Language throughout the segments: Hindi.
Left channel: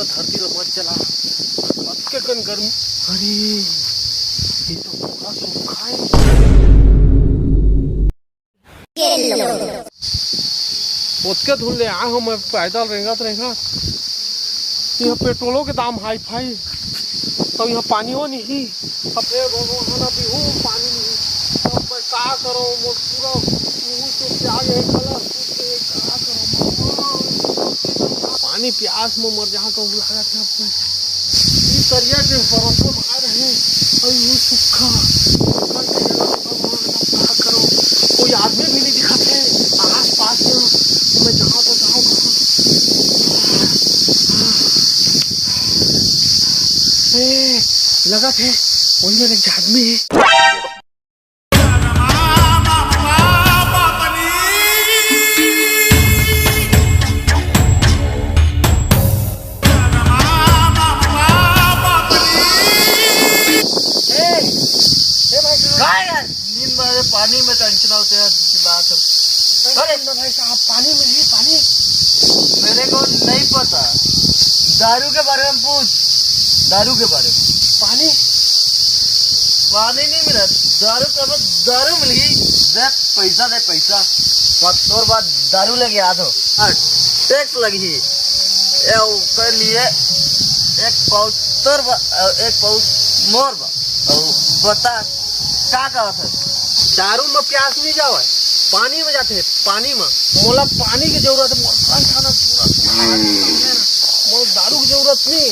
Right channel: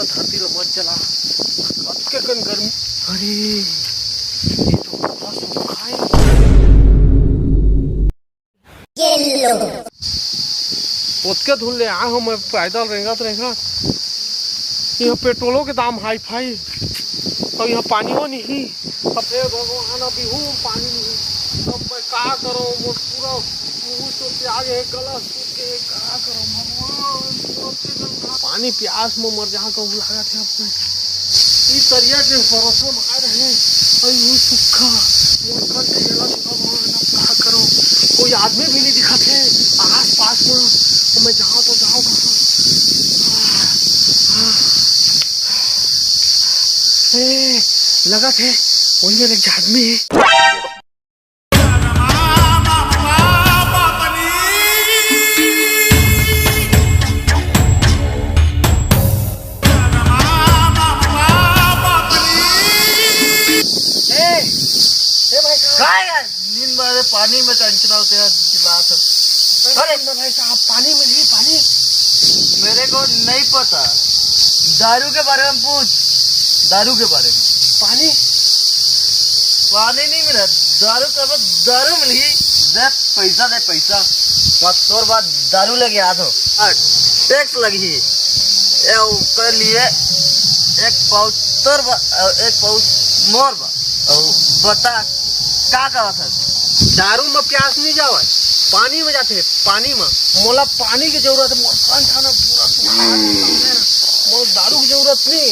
पूरा धरती ला मत जला कतके कन गर्मी। अरे ये तो पूरा सूखा है। पोतके धुल ले आ हम पैदल रहेगा। यहाँ पेट्रोलों के दाम हाई फाई, तो यहाँ पानियों नहीं। अब फिर भगवान अभी हूँ पानी नहीं, अब मैं क्या करूँ? पूरा मुँह से प्याज है, गला सूख के क्या करूँ? पानी प्यास में मर जहाँ कहूँ लगा थे। अब इस तरिया के भरोसे में आ रहे हैं और यूँ सूखा भगवान, अब क्या करूँ? कोई आदमी भी नहीं दिखा थे आस पास में। तो मैं जाऊँ तो जाऊँ कहाँ? लगा थे वही मेरे एक आदमी है। नींद में पानी में टेंशन होते हैं बात। अरे भाई साहब पानी में ही पानी मेरे को नहीं पता, दारू के बारे में पूछ। दारू के बारे में पानी पानी नहीं मिला, दारू का दारू मिल गई। दे पैसा, दे पैसा। तोर बाद दारू लेके आ तो टैक्स लगी कर लिए एक पाउच तोर एक पाउच मोर बा। बता क्या कहा था? दारू में प्यास नहीं जावे, पानी में जाते। पानी में मोला पानी की जरूरत है। खाना पूरा सुखा है, मोल दारू की जरूरत नहीं।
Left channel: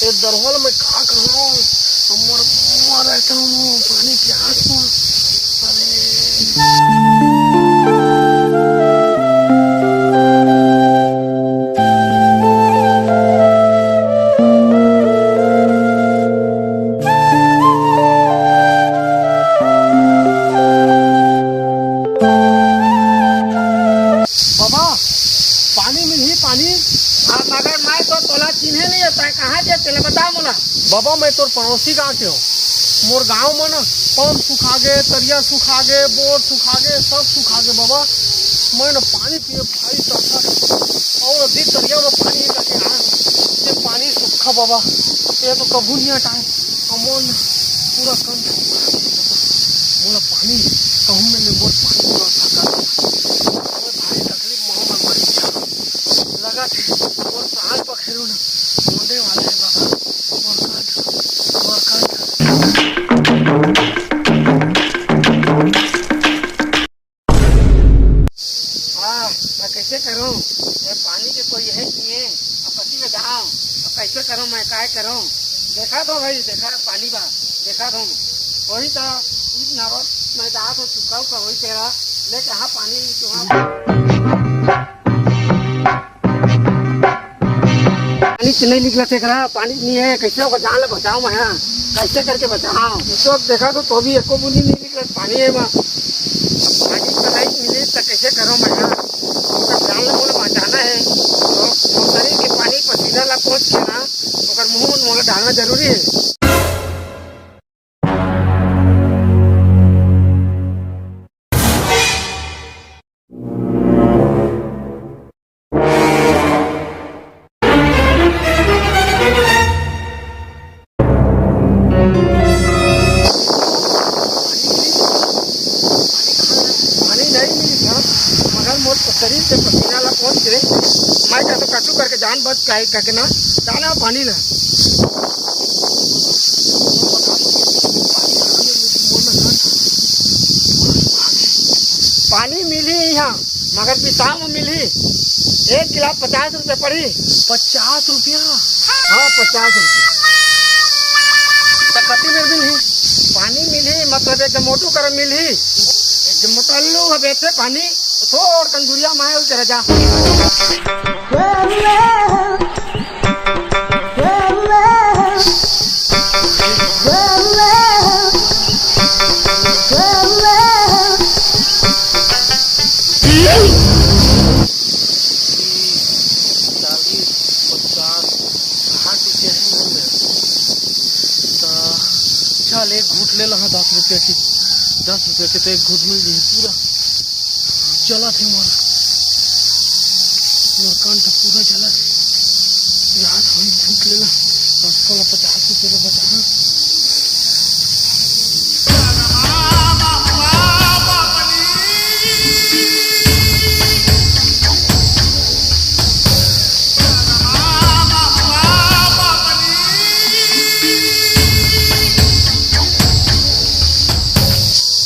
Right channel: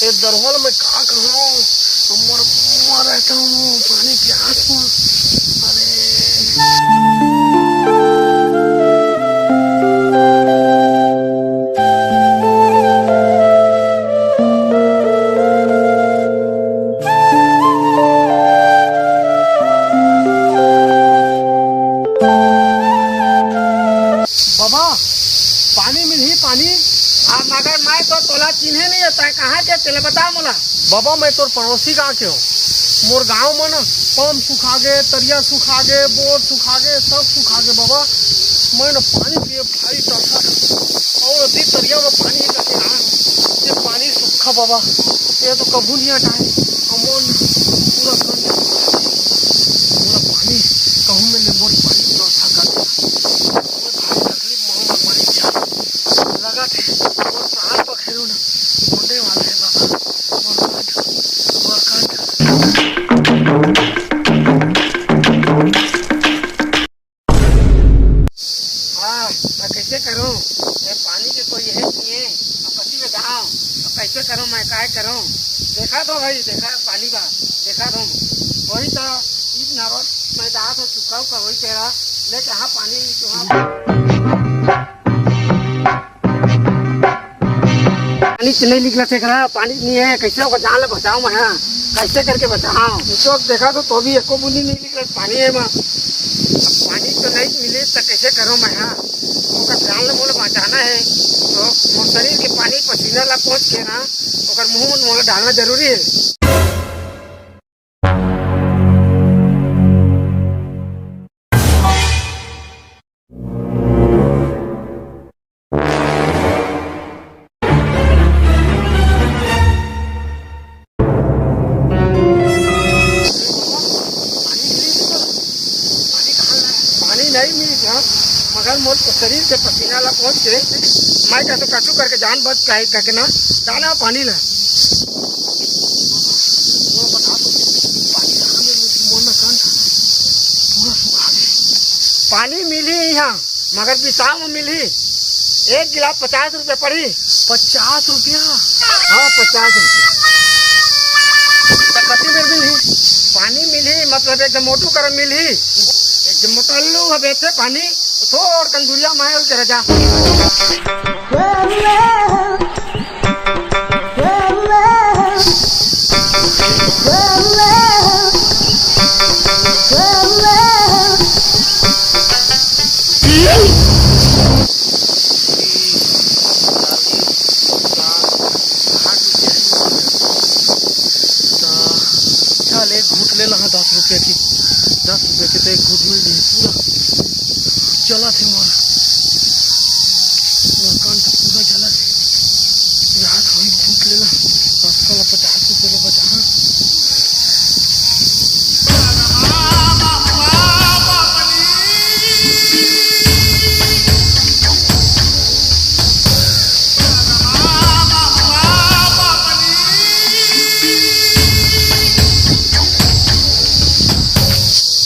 ये दरहोल में खा कहूँ मर रहता हूँ पानी प्यास में। बाबा पानी में ही पानी। मगर मैं तो तोला चिन्हे नहीं होता है, कहाँ से चले बता मोला। बाबा मैं तोर पड़ोसी गाँव के हूँ। मोर गाँव में ना पंप सुखा गए, तरिया सुखा गए, बोर सुखा गए, सब सुखा गए। बाबा मैं ना पानी पिए भाई टसा और अभी तरिया में पानी करके आया हूँ। ये पानी सूखा बाबा, ये तो कभी नहीं हटाए। अमोन पूरा कंठ मोरा पानी कहूँ में ले मोर पानी व्यवस्था कर भाई तकलीफ मोहम्मद मरी लगा थे और प्राण पखेरू ना मोंडे वाले हैं बाबा। मैं कैसे करूँ? ये पानी के कोई है नहीं है, अब पति में जाऊँ अब कैसे करूँ? मैं क्या करूँ? देखा तो भाई, देखा पानी बा, देखा तो वही तो ईद नारोल मैं जा तो चुका का वही तेरा लेके हाँ पानी पानी नहीं निकला थे करा, पानी नहीं है। कैसे होगा? जान ले बचाऊँ मैं, हाँ कैसे करके बचाऊँ? तो देखा तो भी एको बूंदी नहीं निकले पानी है। मैं पानी तो नहीं मिले तो कैसे करूँ मैं? हाँ जान ले मोला बचाना है तो शरीर के पानी पसीना ला पहुँच के ना और मुँह में मोला डालना जरूरी है। नहीं मिली था मगर मोर शरीर के पसीना ला पहुँच के मैं क्या तो कचू करके जान बच के ना जाना पानी ला। पानी मिली यहाँ मगर पिसाव में मिली। एक गिलास 50 रुपये पड़ी। 50 रुपया? हाँ 50 रुपया। कति में मिली पानी मिली, मतलब एकदम मोटू कर मिली, एकदम मोटल्लू है बेचे पानी थोड़ कंदुरिया मायल के रजा। चल एक घूट ले लगा 10 रुपये की, 10 रुपये के तो एक घूट मिल जाए पूरा चला थे मोर कंठ पूरा जला थे। यार हमें भूख लेला कल 50 रुपये ले बचा।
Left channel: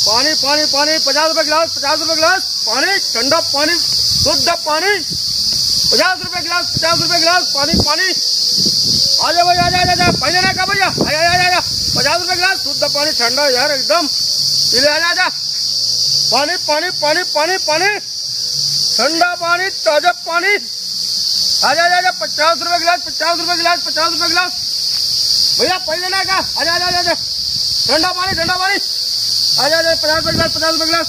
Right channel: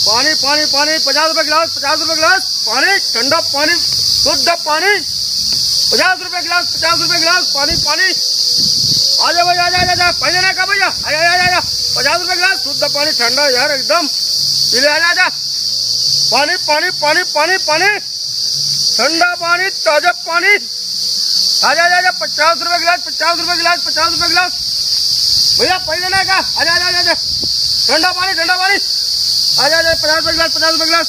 पानी पानी पानी 50 रुपए गिलास, 50 रुपए गिलास पानी, ठंडा पानी, शुद्ध पानी, 50 रुपए गिलास, 50 रुपए गिलास पानी पानी। आजा भाई आजा पहले ना का भैया, आजा 50 रुपए गिलास शुद्ध पानी, ठंडा यार एकदम पी ले। आजा पानी पानी पानी पानी पानी, ठंडा पानी, ताजा पानी। आजा 50 रुपए गिलास, 50 रुपए गिलास, 50 रुपए गिलास भैया पहले ना का। आजा ठंडा पानी, ठंडा पानी। आजा 50 रुपए गिलास, 50 रुपए गिलास।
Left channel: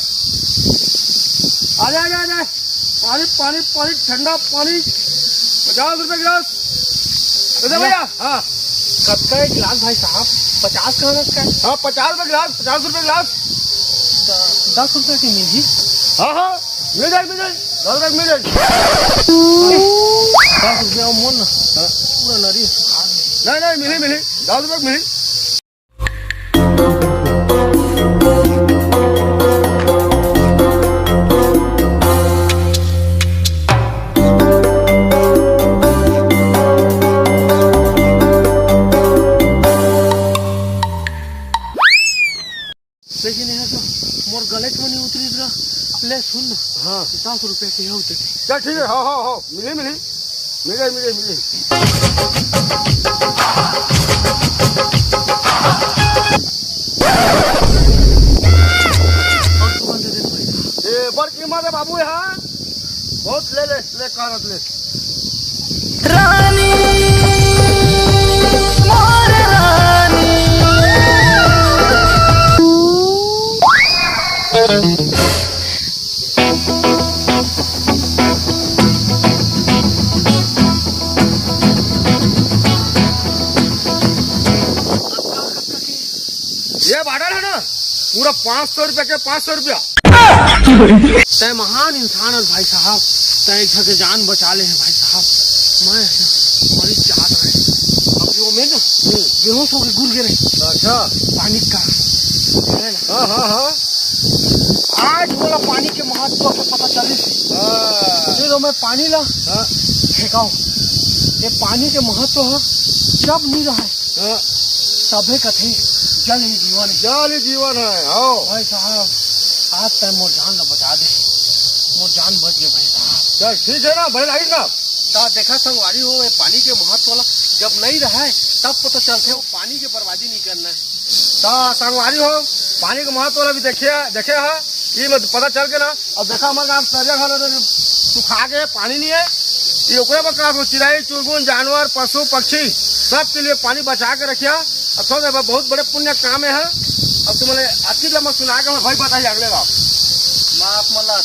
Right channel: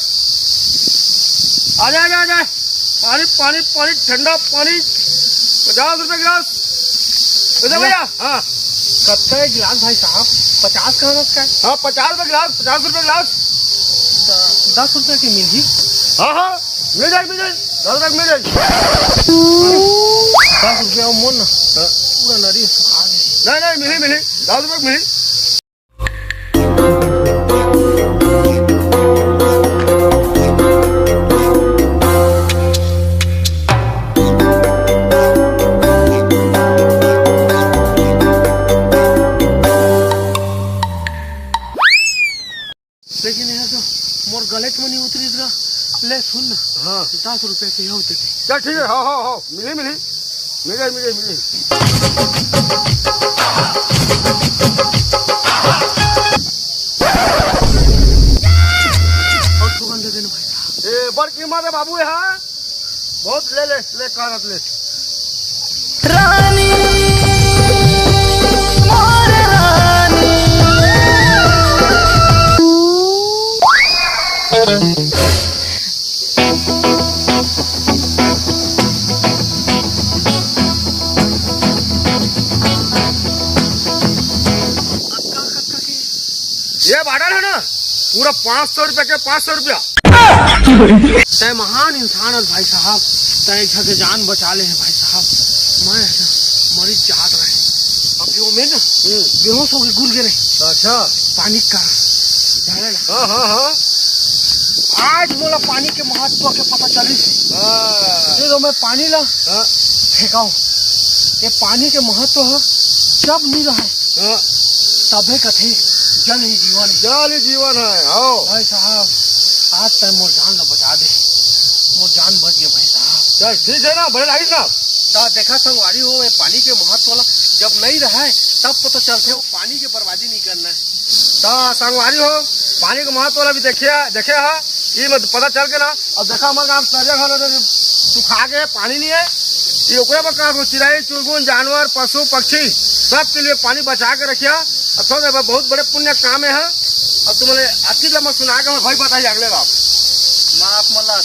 आजा पानी पानी पानी, ठंडा पानी, 50 रुपए गिलास। भैया हाँ कब का एक गिलास भाई साहब? 50 का है? हाँ 50 रुपए गिलास, 50 रुपए गिलास। 10 रुपए की मिल ही? हाँ मिल जाए 10 रुपए मिल जाए। 10 रुपया मोन ना पूरा नरी सुखा गई। नहीं मिली 10 रुपए मिली। लेकिन यहाँ तो मोर गले में नहीं उतरी रहा। ले सुन ना, हाँ 10 रुपए के होते थे। चल ठीक है, हाँ मिली। और दुकान दे देना भाई साहब। ये बड़ कीमत है बाबू, यहाँ बहुत ले कारत ले। रानी मोर रानी ये बाडल है ना पूरा 500 रुपए के 500 रुपया। तय महान इंसान है भाई साहब, तय एक के जान बचा ले हैं भाई साहब। मैं मरीज चाहत रहे अब जो में ना बेहोश हो के गुल गिरे। अच्छा पानी का है ना? हाँ आज बोला पानी के महत्व के पता चली थी तो मैं पानी ला फेंकाऊ। ये पानी के महत्व है जब नहीं रहे तबे कथे जल ही जीवन है। आओ भाई साहब आज तक मोर जान न बचा दे, मोर जान बच गए भाई साहब। चल ठीक है ना, बड़े लाइट ना तो देखा संगवारी हो ये पानी के महत्व वाला जब नहीं रहा तब पता चलते वो पानी की बर्बादी नहीं करना है। तो संगवारी हो पानी के महत्व वाला भी देखे है ये मत पता चल के ना। अब देखा हमारे गाँव तरिया घर सुखा के पानी नहीं है, ये ओकरे पर का चिड़ाई चुड़गुन जानवर पशु पक्षी सबके लिए पानी बचा के रखिया। अथवा बहुत बड़े पुण्य काम है। अब तुम्हारे अच्छी लम्बा सुना के भाई बताइए अगले बाप माँ आप मतलब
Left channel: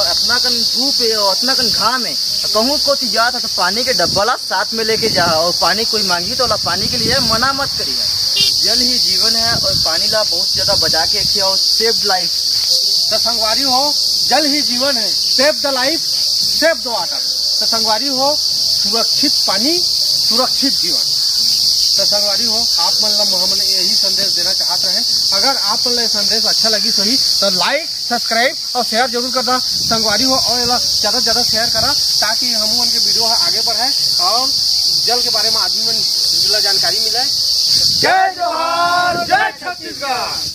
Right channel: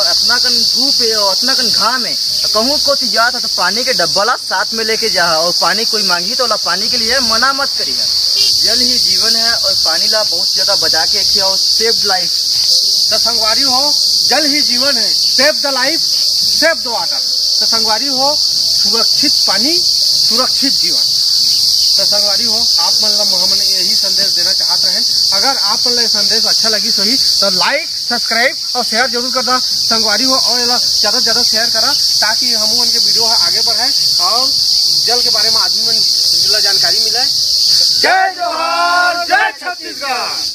अपना कन धूप है और अपना कन घाम है कहूँ को जाता तो पानी के डब्बा साथ में लेके जा और पानी कोई मांगी तो पानी के लिए मना मत करी है। जल ही जीवन है और पानी ला बहुत ज्यादा बचा के रखिए और सेव लाइफ। तो संगवारी हो जल ही जीवन है, save the life save the water. तो संगवारी हो सुरक्षित पानी सुरक्षित जीवन। तो संगवारी हो आप मतलब हम यही संदेश देना चाहते हैं। अगर आप मतलब संदेश अच्छा लगी सही तो लाइक सब्सक्राइब और शेयर जरूर करना संगवारी हो और ज़्यादा से ज़्यादा शेयर करा ताकि हम उनके वीडियो आगे बढ़े और जल के बारे में आदमी में जानकारी मिले। जय जोहार, जय छत्तीसगढ़।